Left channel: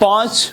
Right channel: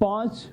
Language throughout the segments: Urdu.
5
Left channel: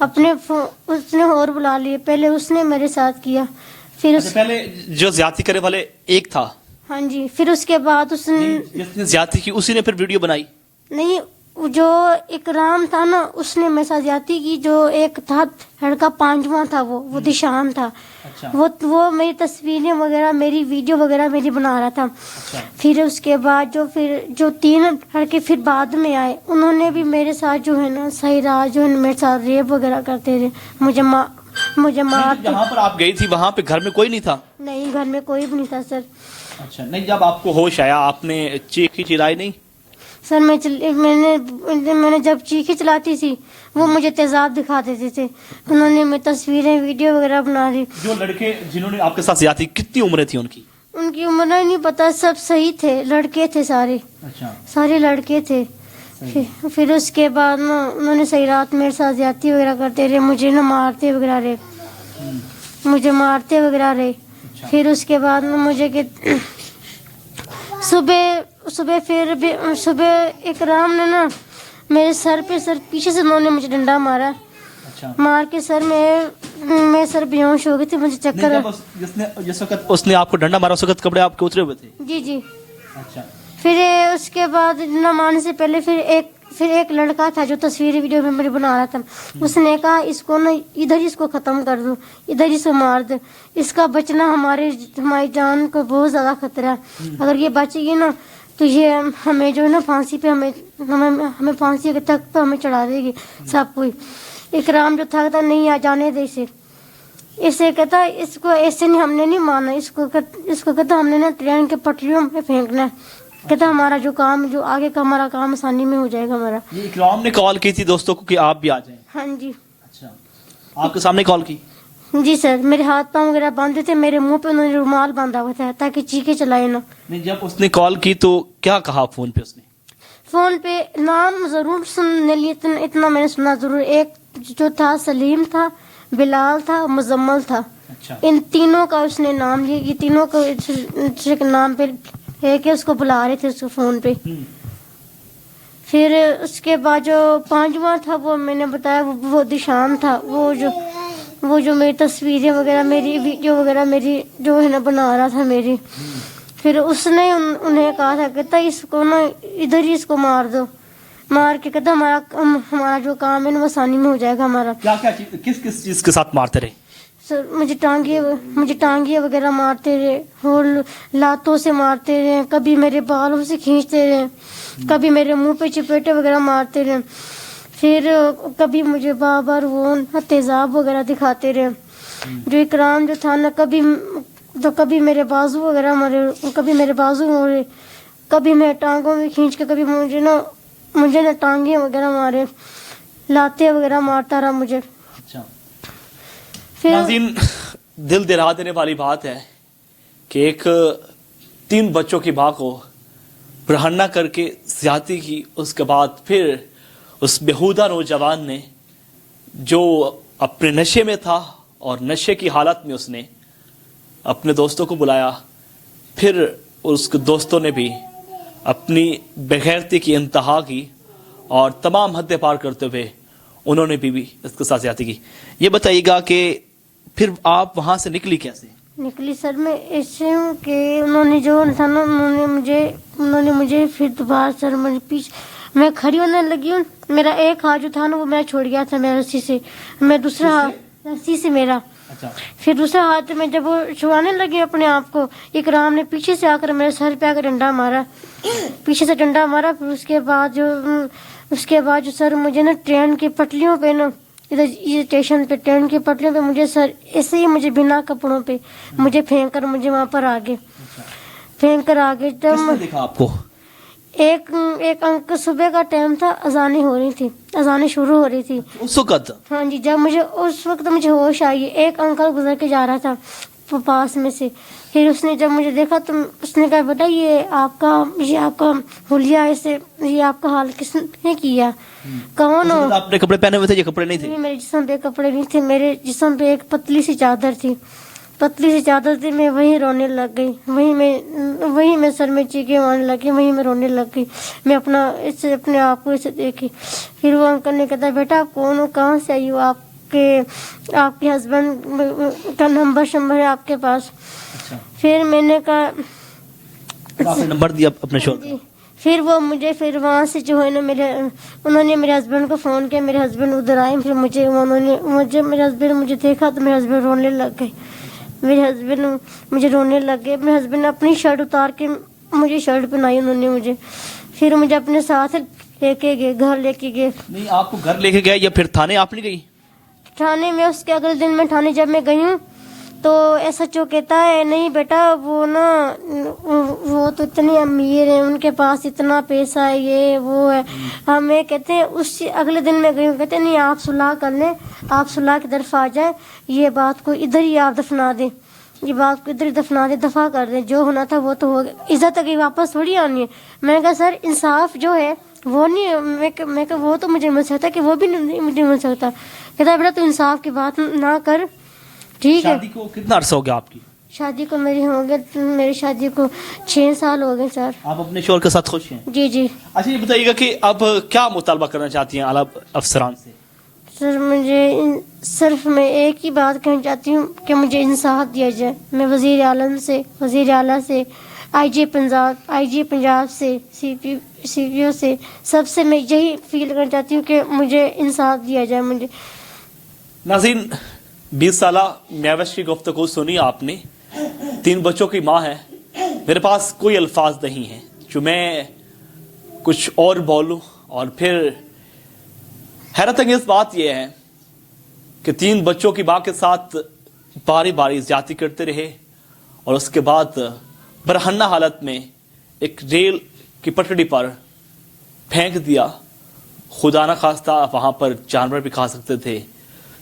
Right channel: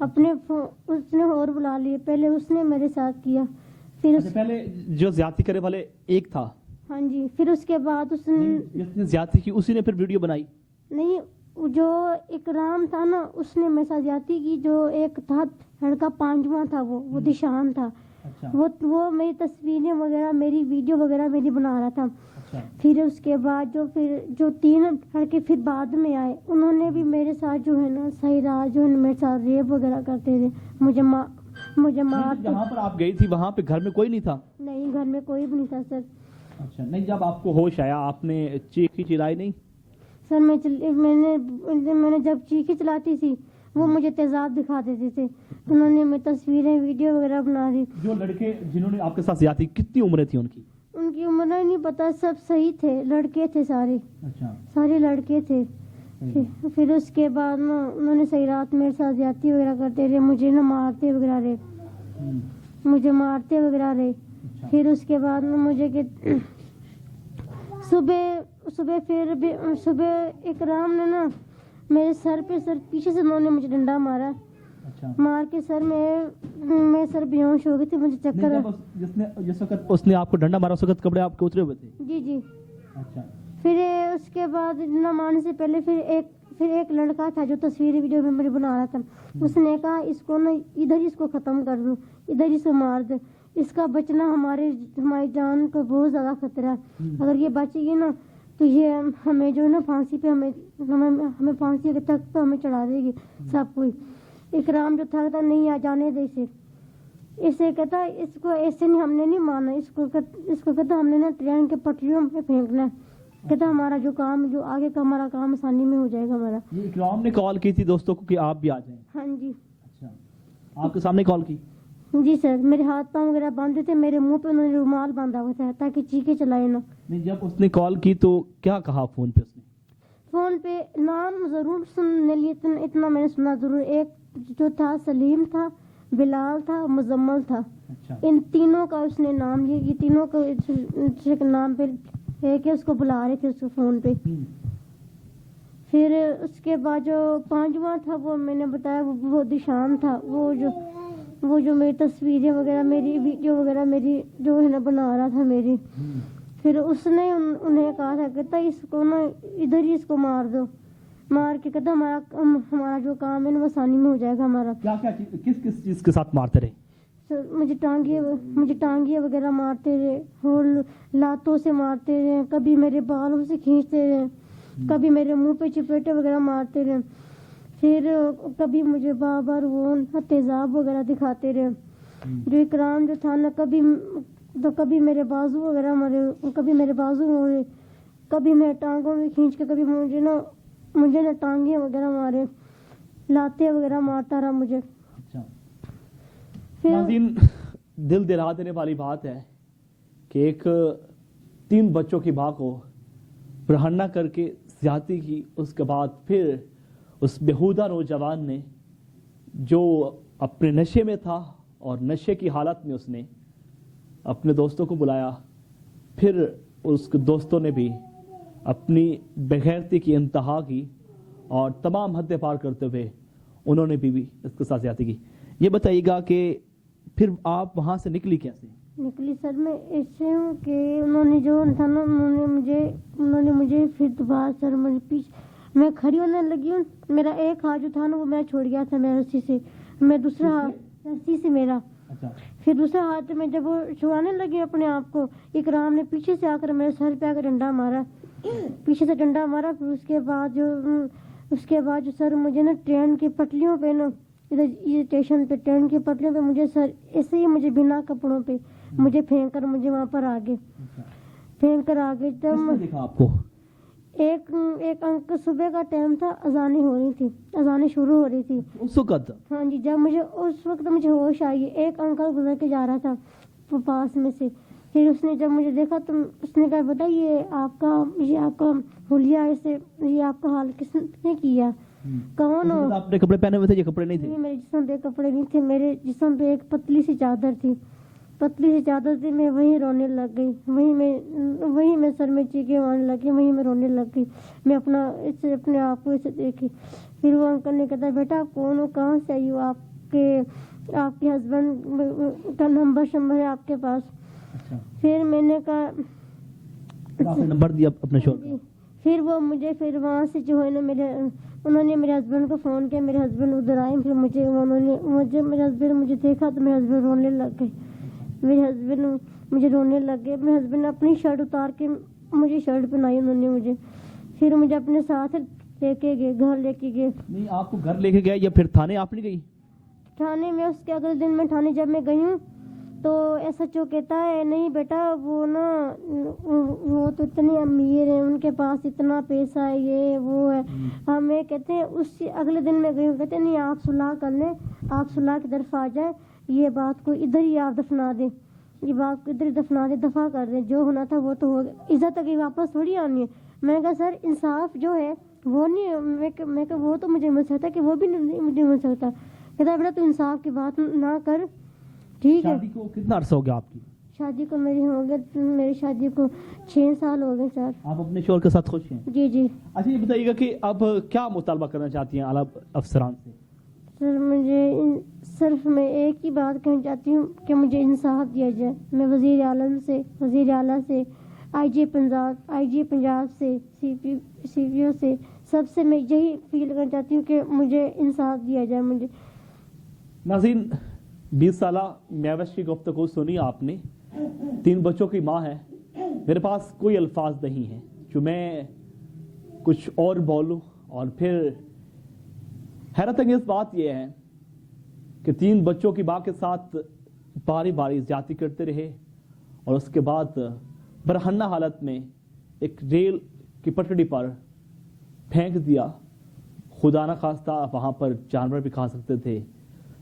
اس نے اور بلا لیے. پہلے اس نے میرے ساتھ کیا, پھر پہلے جو زیادتی کرنے والے ایک تھا. ہاں جی, پھر اس کے بعد اس نے جس نے زیادتی کی اسی نے پھر ویڈیو بنائی. نہیں, جو اکرام تھا نا اس نے میرے ساتھ زیادتی کی. جو ایک تھا لڑکا پانچواں تھا, وہ دشان تھا. وہ میری تصویریں وغیرہ, میری ویڈیو وغیرہ میری بنا رہا تھا. پھر اس کے بعد جو 3 لڑکے پھر بعد میں آئے, انہوں نے بھی میرے ساتھ جو ہے نا صحیح رہا, جو ہے میرے ساتھ ریپ وغیرہ کرتے تھے, مجھے مارتے. جہاں پر آپ گئی تھی وہاں پہ گھر میں کوئی نہیں تھا؟ نہیں, گھر میں کوئی بھی نہیں تھا سر. اچھا, نہیں جب آپ کو ہوش آیا آپ نے چیخی چلائی نہیں؟ سر میں نے جب چیخی چلاتی تھی وہ مجھے تیزاب دکھا دیتے تھے. انہوں نے میری تصویریں ویڈیو وغیرہ بنا دی. جو لڑکے جنہوں نے آپ کے ساتھ زیادتی, کتنی عمریں تھی ان کی؟ ان کی عمر نہیں پتا, سب صحیح تھے, لڑکے تھے سارے. اچھا, سارے لڑکے تھے. پھر اس کے بعد نا انہوں نے صحیح رات میرے ساتھ زیادتی وغیرہ کرتے رہے, مجھے نا مارتے وغیرہ رہے. پھر اس کے بعد نا مجھے کہ صبح اکرام نے نا میرے سر پیچھے سے انہوں نے مجھے ڈنڈا مارا. مار کے میں سر بیہوش ہو گئی تھی, مجھے چکر. جس وقت اس نے آپ کو ڈنڈا مارا اس وقت کپڑے آپ کے اترے ہوئے تھے؟ جی. اچھا. پھر اس کے بعد ڈنڈا مارنے سے پہلے پھر ایک لڑکا تھا جو تصویر ویڈیو میں میری بنا رہا تھا. اس نے کہا اس کو نا ادھر اس کو ختم کر دو, ادھر اس کو مار دو, اس کا بچنا ہماری جان کو بہت زیادہ خطرہ ہے. اگر یہ بچے گی نا تو یہ ہمیں جو ہے نا پھانسی پہ ہمیں پھانسی تک پہ ہمیں چڑھا دے گی سب کوئی. اکرام جو تھا کہتا نہیں آ جانے دے اسے کہتا اس کو ایسے نہیں, ہم نے نہیں مارنا اس کو کہتا ہم نے نا ٹرین کے پٹریوں میں پھینکنا ہے. کہتا ہمارا جو آگے کا ہمارا کام آسانی میں ہو جائے گا ہمارا. یہ اکرام نے کال کی تھی دوستوں کو کہ آپ بھی آ جائیں؟ ہاں جی. اچھا, آپ کے سامنے کال کی؟ جی سر, میرے ہاتھ پاؤں وغیرہ باندھے تھے, میرے منہ پہ انہوں نے رومال باندھا ہوا تھا تاکہ چیخے چلائے نا. نہیں, جب اس نے کال کی تو کیا کہا فون پہ؟ اس نے فون پہ نام ضرور سننے لیے, اتنا میں نے سنا ضرور. ایک جو تھا سلیم تھا, بلال تھا, مزمل تھا. ان تینوں کا اس نے نام لیا. یہ تینوں کو نام پہ ہے کہ اس کو بلا رہے تھے اس کو فون پہ. پھر اس کے بعد جو 5واں تھا وہ میں نے بتایا وہ دشان تھا. وہ جو میری تصویریں وغیرہ, میری ویڈیو وغیرہ میری جو ہے نا بنا رہا تھا میری. پھر اس نے انہیں کہا تھا کہتا اس کو نا ادھر ہی اس کو مار دو, مار کے کہتا ہمارا جو کام ہے نا وہ آسانی میں ہو جائے گا ہمارا. کس چیز کے ساتھ مارتے رہے؟ سر مجھے ٹانگیاں وغیرہ مارتے رہے, اور لاتوں سے مارتے رہے, کبھی میرے بالوں سے کھینچتے رہے, کبھی میرے منہ پہ چپیٹے وغیرہ مارتے رہے. پھر کبھی مجھے بار وہ تیزاب وغیرہ دکھاتے رہے. جو اکرام جو تھا نا کبھی میرے بازو وغیرہ مارے, کبھی میرے بازو مارے, کبھی میں ٹانگوں میں کھینچ کے, کبھی مجھے نا ٹانگیں وغیرہ مارے, لاتے وغیرہ مارتا رہا مجھے. ناظرین, دل دہلا دینے والی بات ہے کہ ایک 3 بچوں کی ماں کو برہنہ کر کے زیادتی کی. اس کے بعد پھر اس بےہودہ نوجوان نے جو اپنے نشے میں تھا اور نشے کی حالت میں اس نے اپنے دوستوں کو بلایا. پھر اس کے دوستوں نے بھی اپنی بغیرتی کی انتہا کی اور تمام حدیں پار کرتے ہوئے انہوں نے بھی اس کے ساتھ زیادتی کی. یہ بتائیے گا کہ پھر آپ وہاں سے نکلی کیسے؟ نکلی سر میں ایسے ہوں کہ انہوں نے جو تھا نا انہوں نے مجھے پھر دوبارہ سر مجھے پیچھے میں کھڑی ہونے لگی ہوں. میرا ایک ہاتھ جو تھا نا وہ میں چھوڑ گیا تھا میرا رسی سے, میں دوسرا ہاتھ رسی سے میرا. پھر دوسرا ہاتھ میں جب وہ چھڑانے لگے اپنے آپ کو, اکرام نے پیچھے سے آ کر میرے سر پہ آ کر ڈنڈا مارا, پیچھے سے ڈنڈا مارا. پھر اس کے بعد جو سر مجھے نا ٹرین کی پٹلیوں پہ نا ادھر اسٹیشن پہ ٹرین کی پٹلیوں پہ مجھے سر ایسے ہی مجھے بنا کپڑوں پہ مجھے پھینک کر مجھے وہاں پر آگے جب دیکھا آپ کو ایک انک صبح کا ٹائم تھا, اذانیں شروع ہو رہی تھی اس وقت. ہاں جی, جب اس وقت مجھے ہوش آئی, ایک انکل گزر کے جا رہا تھا پاس میں سے. پھر اس نے جب مجھے دیکھا تو اس نے کہا بیٹا یہ آپ کا حلیہ ایسے, یہ آپ کا حال کس نے کیا, کون ہو؟ آپ نے کپڑے پہنے ہوئے تھے, یہ کپڑے نہیں تھے؟ میرے جسم پہ کپڑے نہیں تھے, میرے جسم پہ ایک پتلی سی چادر تھی. میں وہیں رونے لگ گئی, وہیں میں سر میں چیخیں مارنے لگی, وہیں میں رونے لگ گئی. میں اپنے آپ کو اسے دیکھی. پھر وہ انکل نے کہا بیٹا آپ کون ہو, کہاں سے آئی ہو, آپ کہ آپ کے ہسبینڈ کا نمبر ہے آپ کے پاس. اچھا پھر میں نے کہا آپ نے نمبر دیا اپنے شوہر کا؟ جی. پھر وہ مجھے پھر وہاں سے جو ہے نا انہوں نے میرے ہسبینڈ کو فون کیا. میرے ہسبینڈ ادھر آئے. پھر میرے ہسبینڈ مجھے دیکھا تو میرے ہسبینڈ رونے لگ گئے. میرے ہسبینڈ مجھے رونے لگ گئے. میرے ہسبینڈ نے اپنی شرٹ اتار کے مجھے شرٹ پہنائی انہوں نے مجھے. پھر مجھے اپنے ساتھ لے کے گئے, گھر لے کے گئے. نہیں آپ کو گھر لے کے گئے یا پھر تھانے آپ نہیں گئی؟ تھانے میں اس کے اگلے دن میں تھانے جب میں گئی ہوں تو ایس ایچ او کہتا ہے نہیں بیٹا وہ نا وہ تو اتنے امیر ہیں, ان کے پاس اتنا پیسہ ہے, یہ وہ ہے. ہمیں کہتے ہیں اس اگلے دن میں گئی ہوں, کہتے ہیں نہیں آپ صلح کر لیں, آپ صلح کی طرف آ جائیں, یہ بات کو ادھر ہی آپ دفنا دیں, یہ بات کو ادھر ہی دفنا دیں, دفع کر دیں, جو ہونا تھا وہ تو ہو گیا, عزت تک واپس تھوڑی آنی ہے. میں نے کہا سر انصاف جو ہے وہ نہیں, میں کہ وہ تو مجھے مل سکتا کہ وہ بھی نہیں مجھے مل سکتا. کہتا ہے بیٹا تو انصاف کی بات نہ کر, ٹھیک ہے. شادی کو کتنا عرصہ ہو گیا آپ کی؟ شادی کو میری شادی کو 6 سال ہو گئے سر. آپ اپنے شوہر کے ساتھ خوش ہیں؟ جی جی. اچھا یہ بتائیے گا کہ اب کیا مطالبہ کرنا چاہتی ہیں اعلیٰ افسران سے؟ سر مجھے صرف میں ایک ہی بات کہنا چاہتی ہوں کہ مجھے انصاف دیا جائے. میں وزیر اعلیٰ سے آئی جی پنجاب سے سی پی او سے سب سے میں یہی فیل کرنا چاہتی ہوں کہ مجھے انصاف دیا جائے. مجھے ناظرین 20 سالہ میوش کی گفتگو سنی آپ نے. 3 بچوں کی ماں ہے. میرے پاس کوئی الفاظ نہیں ہیں جو میں کچھ اور بولوں. اور پھر حیرت انگیز بات یہ ہے کہ 3 بچوں کی ماں کے ساتھ باری باری زیادتی کرتے رہے اور اس کے بعد برہنہ حالت میں ایک ریل کی پٹڑی پر پھینک دیا. خدا نہ خواستہ وہاں پر جانور بھی کھا سکتے تھے,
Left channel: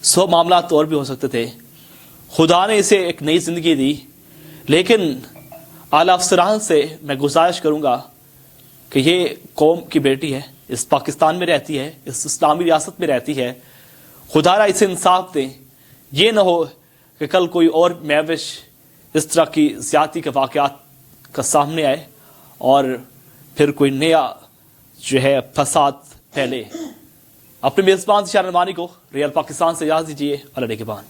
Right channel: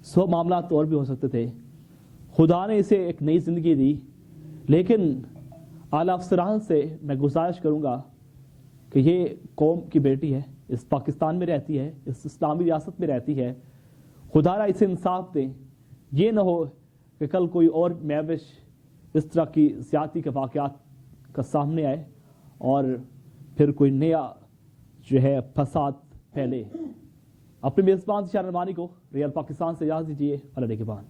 100 معاملات اور بھی ہو سکتے تھے. خدا نے اسے ایک نئی زندگی دی. لیکن اعلیٰ افسران سے میں گزارش کروں گا کہ یہ قوم کی بیٹی ہے, اس پاکستان میں رہتی ہے, اس اسلامی ریاست میں رہتی ہے. خدا را اسے انصاف دیں. یہ نہ ہو کہ کل کوئی اور میوش اس طرح کی زیادتی کے واقعات کا سامنے آئے اور پھر کوئی نیا جو ہے فساد پھیلے. اپنے میزبان ذیشان البانی کو ریئل پاکستان سے اجازت دیجیے. اللہ نگہبان.